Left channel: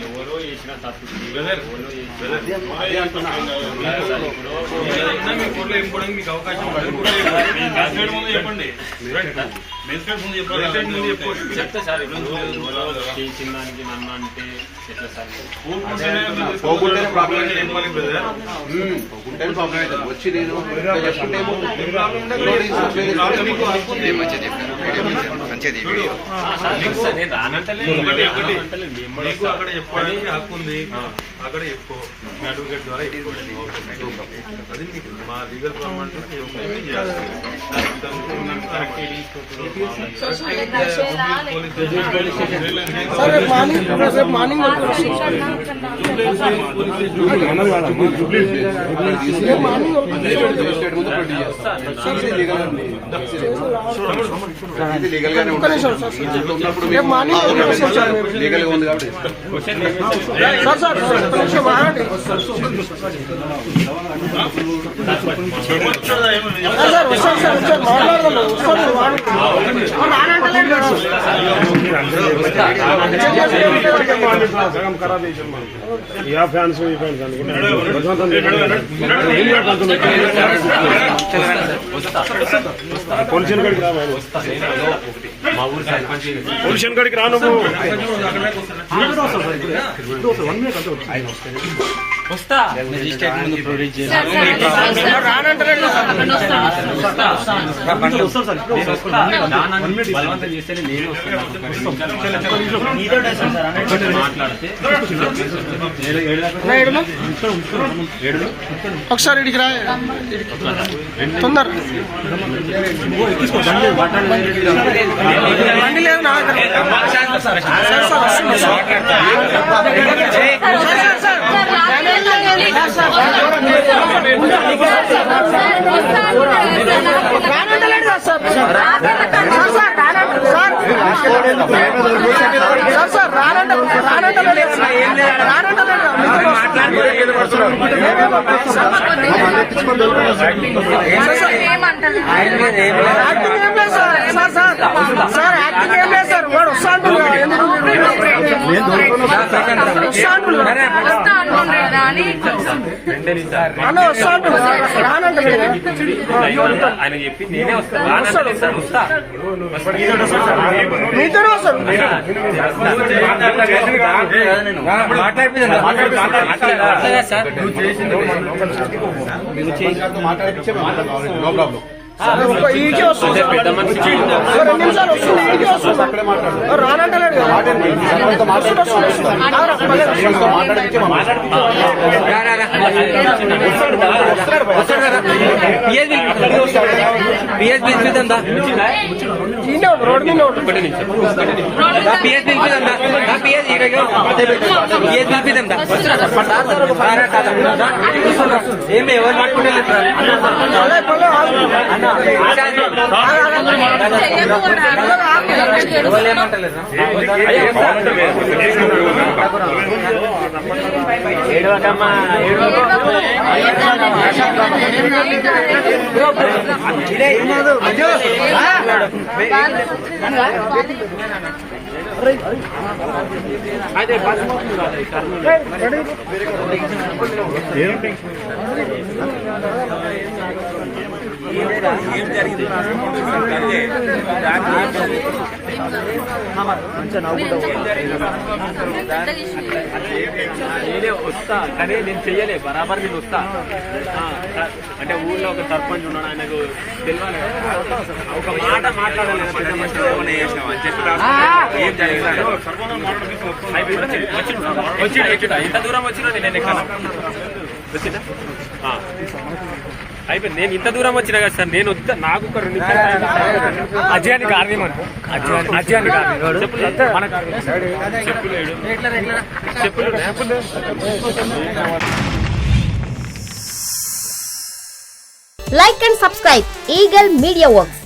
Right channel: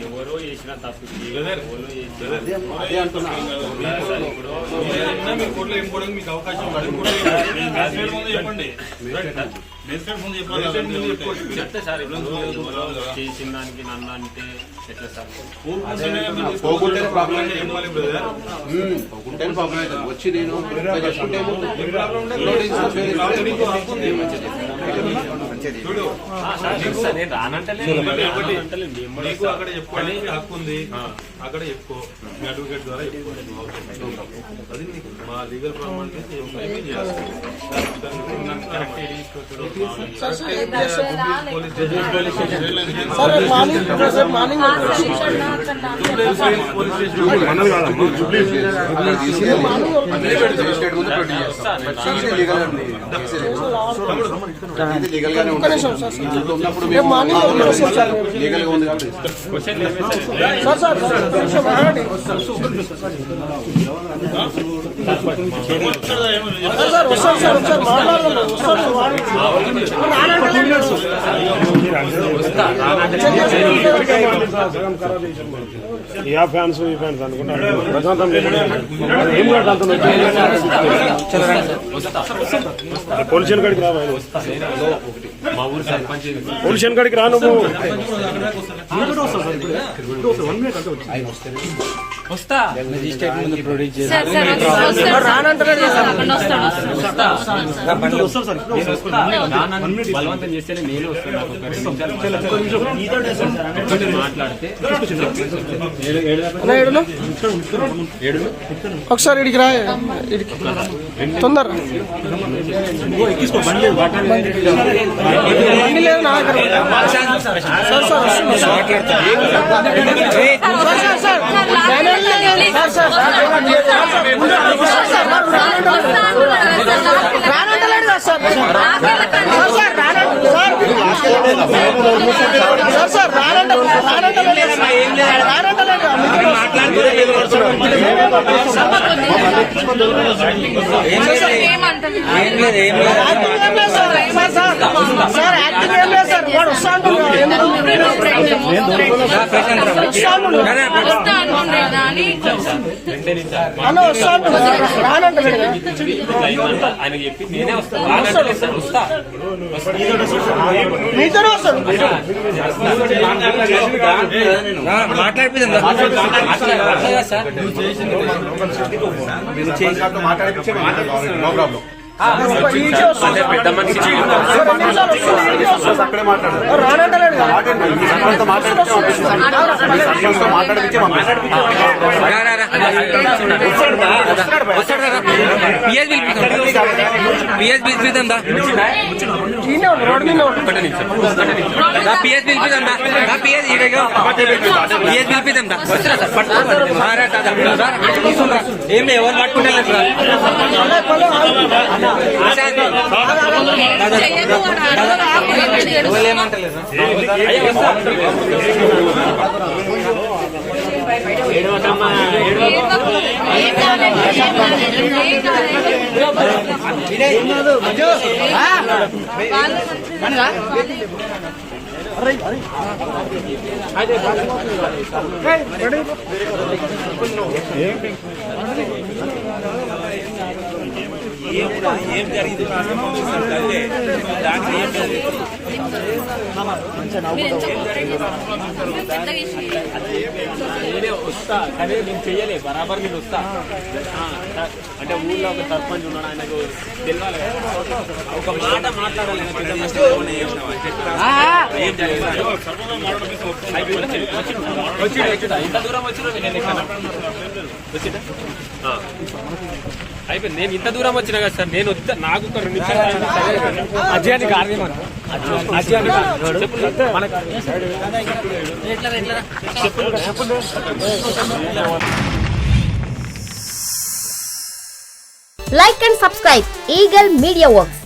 ఎవరో చేసిన తప్పు మీకు అవకాశం చెప్పండి చెప్తా సార్. చేసిన దానికి నన్ను అంటే ఎట్లా సార్ వచ్చి నేను నేను రానంటలే అక్కడ చెప్పండి హక్కు ఉంది అక్కడ చెప్పుకో అడ్వకేట్ ద్వారా అది మా లీగల్ లీగల్ గా ఉంది కాబట్టి ఫ్యాన్స్ ఈ ఫ్యాన్స్ అనుకుంటే పొల్యూషన్ కాడికి రా మా ఊరు సర్పంచ్ పొల్యూషన్ కాడికి రా నువ్వు వస్తా ప్రొడ్యూస్ చేసి బలవంతం చేస్తే నేను మాట్లాడితే ఒకసారి ఇడికి రా తొందర బండి లేదు నా రానంటలేడు సార్ సార్ వాడు వస్తాను ఆయన చెప్పి నేనే వస్తాను వస్తా మీతోనే వస్తాను నో ప్రాబ్లం పెద్ద మనిషి ఏమి ఎవరు పట్టుకుంటే ఏడవకమ్మా ఏం జరిగింది నేనే వస్తా కానీ నేను చెయ్యలే బరాబర్ నేను వస్తా అంటే ఊళ్ళో ఒక సర్పంచ్ ఉన్నాడు ఆయనకు తెలియాలి ఒక మాట మాట్లాడాలి పెద్ద మనిషి ఏమైనా చేసినావు అని చెప్పి ఏం జరిగింది వచ్చిందా ఇంత దూరం వచ్చినా నేను ఎక్కడ వచ్చిందా అయిపోయింది. నేను ఇంత దూరం వచ్చినా కదా సార్ నేను వస్తా నాకు ఒక 2 నిమిషాలు అజయాన్ని చెప్పు Like and subscribe Eagle Media Works.